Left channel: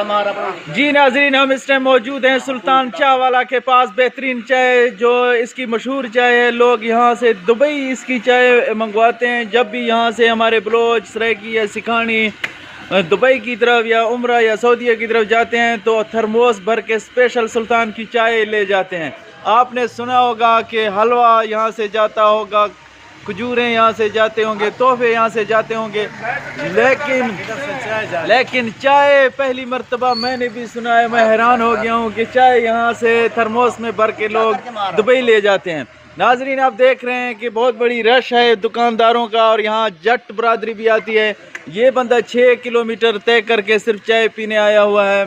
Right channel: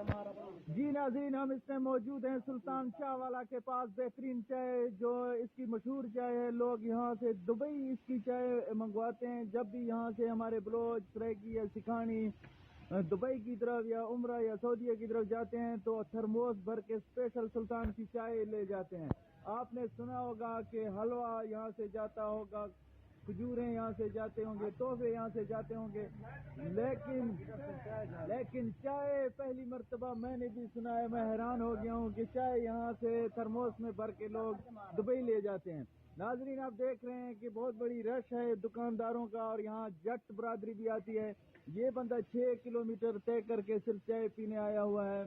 जी नाजरीन, हम इस टाइम मौजूद हैं सुल्तान चाय वाला के पास। बेहतरीन चाय जो इसकी मशहूर चाय है, लोग यहाँ से दुबई इसकी चाय मंगवाते हैं। जब भी यहाँ से हमारे बलोच, सराइकी या सिखानी दुबई की तरफ या उम्रा या सऊदीया की तरफ जाते हैं तो थर्मोस भर के स्पेशल सुल्तान की चाय ले जाते हैं। आपने सुना होगा कि हलवा यहाँ से जाता होगा, खजूरें यहाँ से जाते होंगे, तोहफे यहाँ से जाते होंगे, लेकिन चाय पहली मर्तबा मैंने भी सुना है। मैं हैरान हो गया हूँ कि चाय यहाँ से थर्मोस में भर के लोग दुबई ले जाते हैं। नाजरीन, आप देख रहे हैं कि बहुत बड़ी रश है दुकानदारों का और यहाँ जट बरादरी भी आती है। ये बंदा 6 किलोमीटर तय करके सिर्फ चाय पीने आया हुआ है।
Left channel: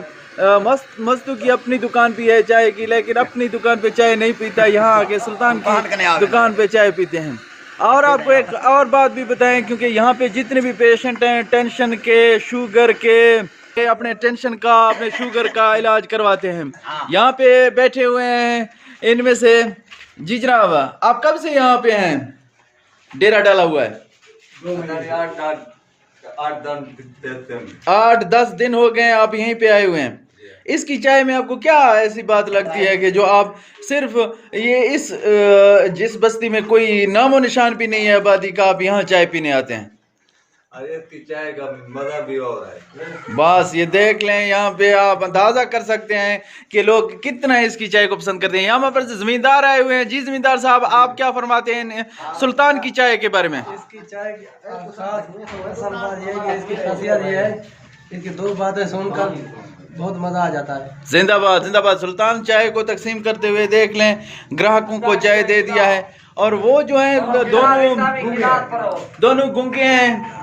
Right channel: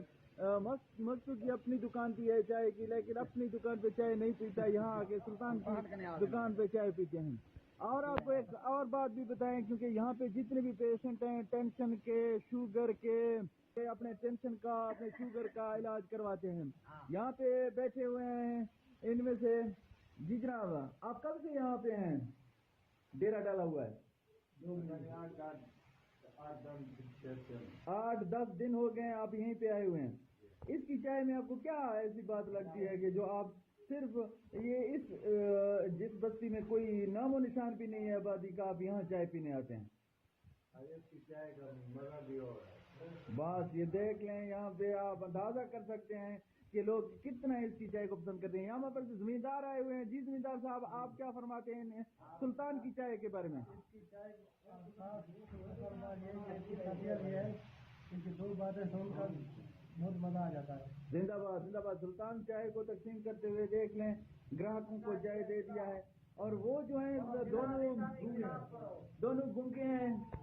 मस्तू की अपनी दुकान भी है चाय की, लेकिन अपनी दुकान पे चाय नहीं पीता, यहाँ आके सुल्तान की दुकान पे चाय पीते हैं। और आपको एक और बात भी बताएं, क्योंकि यहाँ पे जितने भी पेशेंट हैं टेंशन के, शुगर के, अपने टेंशन का, अपने शुगर का इलाज करवाते हैं। यहाँ पे बैठे हुए हैं इनमें से। जी जनाब, आप कब से यहाँ पे हैं? डेरा डाला हुआ है 8-10 दिन हो गए आप यहीं पे आए हुए हैं। इसकी चाय में आपको क्या ऐसी बात लगती है कि जो आप सिर्फ ये इस जिस बस्ती में कोई नामो निशान भी नहीं है आबादी का, आप यहाँ चाय पीने आते हैं? अरे इसकी चाय का मजा भी हो रहा है। बस ये देख लें, यहाँ पे आप अंदाजा कर सकते हैं कि लोग कितना इसकी चाय को पसंद करते हैं। यहाँ पर से जमींदार आए हुए हैं। जी जमींदार साहब, आप क्या फरमाते हैं सुल्तान की चाय के बारे में? इसकी चाय की असल बात ये है, इसकी खासियत ये है, इसकी 2 बातें सुनकर बहुत मजा आ जाता है। जिंदाबाद जिंदाबाद। सुल्तान चाय को तकसीम करते हुए देख लें, ग्राहकों को चाय दे दिया है। और वो जो है दोनों गूंगे हैं,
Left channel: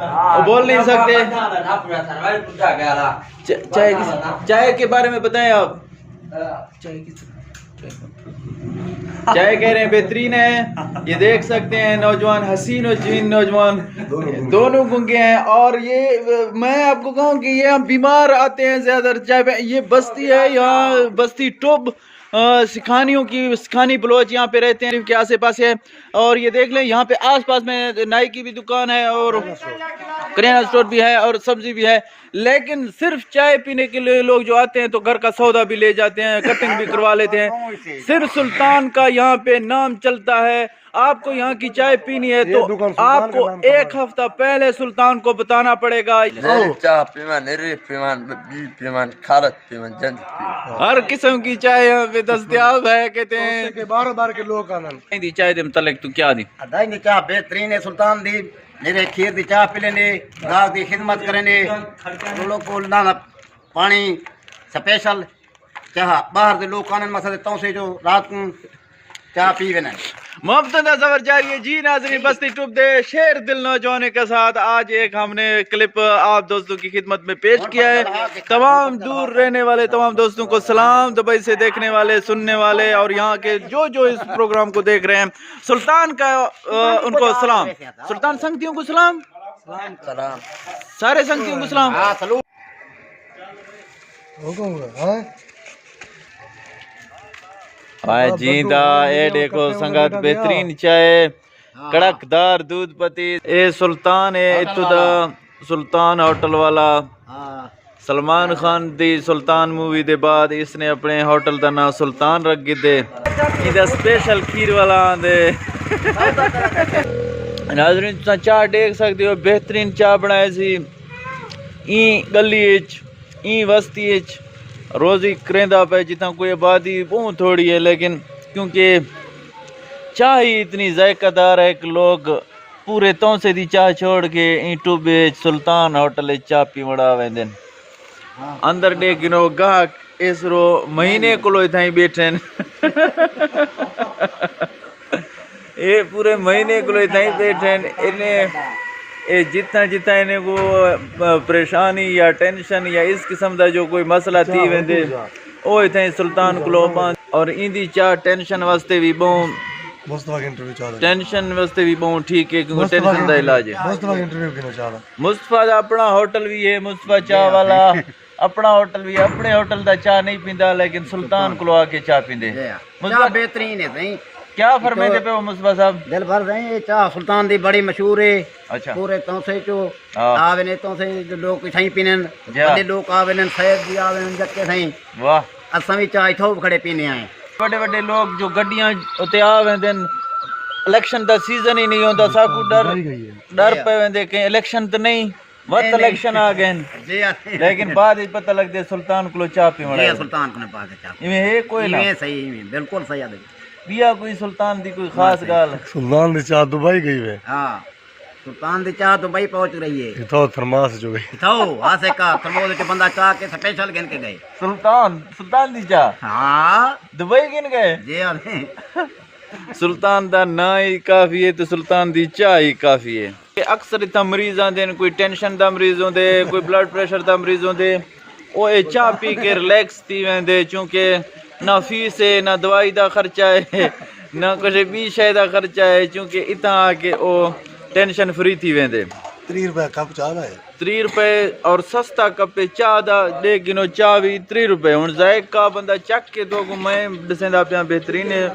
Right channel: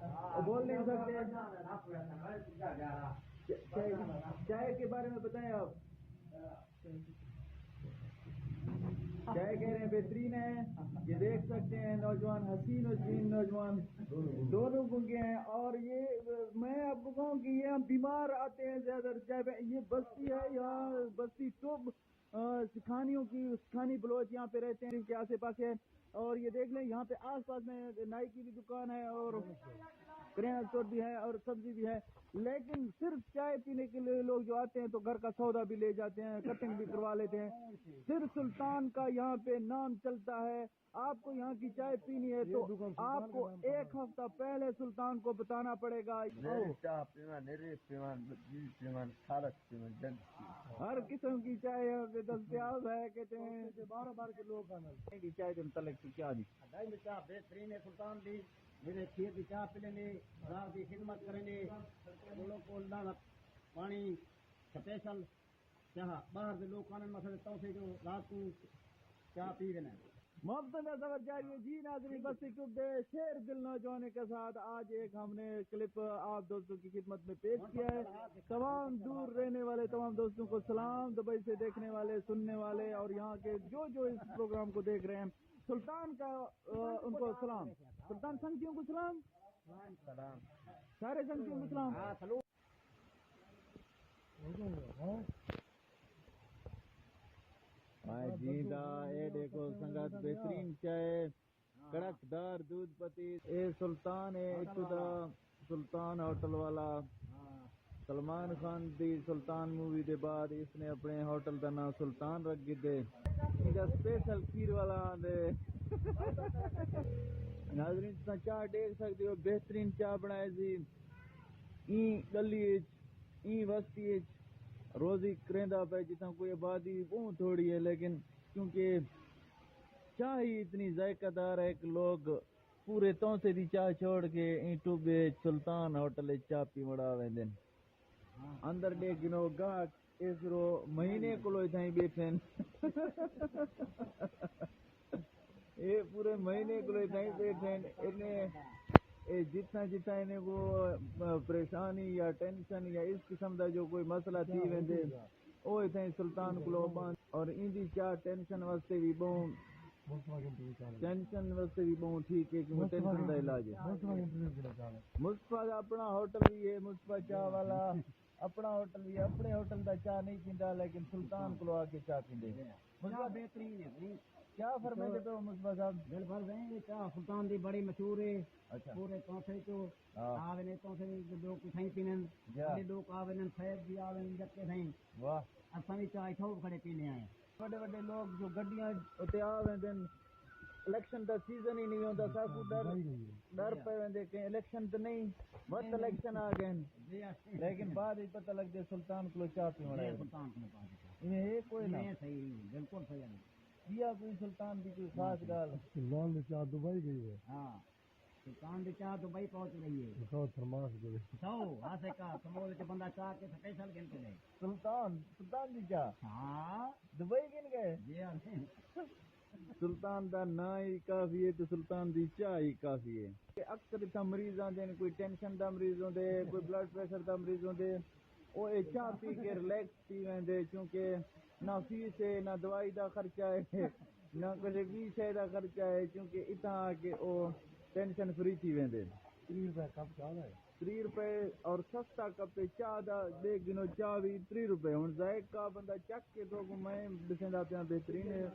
वो बोल नहीं सकते। चाय के बारे में बताएं आप। चाय कह रहे हैं बेहतरीन है। ये देख सकते हैं नौजवान, हसीन और जमीन नौजवान दोनों गूंगे हैं। और ये मैं आपको कहूँ कि ये हम बीमार आते हैं ज्यादा चाय पे। ये बस्ती है, यहाँ बस्ती टुब सिखानियों की, सिखानी बलोच यहाँ पे रहते हैं के आसे पास है। और ये देख लें, यहाँ पे आसपास में नाई की भी दुकान है और करियाना स्टोर भी है और सब्जी भी है। लेकिन सिर्फ चाय पीने के लिए लोग जो आते हैं तो घर का सौदा भी ले जाते हैं, कटिंग भी करवा लेते हैं। सिर्फ सुल्तान का यहाँ पे नाम चलता है। आपको यहाँ की चाय पीनी है तो आपको 1 हफ्ता पहले सुल्तान को बताना पड़ेगा। हर किस्म की चाय यहाँ पे दस्तयाब है। कहते हैं 12 के लोग आनंद चाय दे मुतल्लिक तू क्या दी? चाह बेहतरीन है सुल्तान दी। मेरे खीर दी चाह पी लेने, गाहक दी खिदमत करेंगे, लोग को ना पानी स्पेशल चाह बाहर दे लोग आनंद मसा देता से जो रात को चाह पी गए। मोहब्बत सफर जारी है। जी नाज़रीन, बस्ती टुब दे शेर दिल नौजवान के साथ आज एक हमने क्लिप आप दोस्तों की खिदमत में पेश किया है। तमाम दूर रहने वाले तमाम दोस्तों को सलाम, दुबई से देखने वाले, सुनने वाले और यहाँ के जो इस प्रोग्राम को देख रहे हैं, सुल्तान का उनको सलाम। सुल्तान संगतियों को सलाम, सारे संगतियों को सलाम। जींदा ए देखो संगत, बेहतरीन चाय, कड़कदार दूध पत्ती। ए सुल्तान है इतु दा सुल्तान होटल वाला। सलमान खान दी सुल्तान मूवी दे बाद इसने अपने होटल का नाम सुल्तान रख दे। इधर स्पेशल खीर वाला आंदे। नाज़रीन चाह देख सकते हो, बेहतरीन चाह बनाई सी ई गली ई बस्ती रोज़ी करेंदा पे जितना कोई आबादी बहुत थोड़ी है, लेकिन क्योंकि चाह ही इतनी जायकादार है कि लोग पूरे तौसे दी चाह छोड़ के यूट्यूब सुल्तान होटल चाह पी मड़ा वेंदे अंदर देखो गाहक इस रो महीने को इतना ही बैठे ये पूरे महीने को इतना ही बैठे इन्हें जितना जितना इन्हें को परेशानी या टेंशन या इस किस्म का जो कोई मसला थी वेंदे ओ इतना ही सुल्तान को और इंदी चाह टेंशन वास्ते भी बहुत टेंशन वास्ते भी बहुत ठीक है, क्योंकि टेंशन का इलाज है। मुस्तफा का अपना होटल भी है, मुस्तफा चाह वाला अपना होटल भी, अपने होटल का चाह नहीं पींदा, लेकिन सुल्तान को आके चाह पींदे। चाह बेहतरीन है। क्या फरमाते पे हो मुस्तफा साहब? दिल भर रहे हैं, ये चाह सुल्तान दी बड़ी मशहूर है। अच्छा पूरे तौसे चो हाँ। आवे ने तौसे जो लोग सही पीनन जा। बड़े लोग आवे ने सैयद भी आवे ने जक्के सही वाह, असां भी चाह इथों खड़े पीने आए। बड़े बड़े लोग जो गड्डियां उत्ते आ वेंदे न, इलेक्शन दा सीजन ही नहीं होंदा, साकू डर पे वेंदे कि इलेक्शन तो नहीं वत इलेक्शन आ गए न। जी आते लेकिन बाद में पता लगदे सुल्तान को चाह पी जी मड़ा सुल्तान को ने पास चाह इवें है कोई ना ये सही है, बिल्कुल सही है। पिया कोई सुल्तान दी कोई खास गाल? सुल्तान दी चाह दुबई गई वे हां सुल्तान दी चाह दुबई पहुंच रही है। इथो थर्मास जो गई तो आसे का थर्मोस के बंदा चाह के स्पेशल गिन के गए। सुल्तान दी चाह हां दुबई गिन गए? जी आते सुल्तान दा ना ही काफी है तो सुल्तान दी चाह ही काफी है। अक्सर इतना मरीज आते हैं, कोई टेंशन दा मरीज होंदे, कोई ब्लड प्रेशर दा मरीज होंदे, वो ये चाह पी के रिलैक्स थी वेंदे, क्योंकि ना फीस है ना दवाई दा खर्चा है ना कुछ भी शय दा खर्चा है, क्योंकि इतना आके वो टेंशन फ्री थी वेंदे। 3 रुपए कप चाह है 3 रुपए और सस्ता कप चाह दा दे किनो चाह भी 3 रुपए। हुण जायका बंदा चक के तो मैं दसेंदा पिया बेहतरीन है।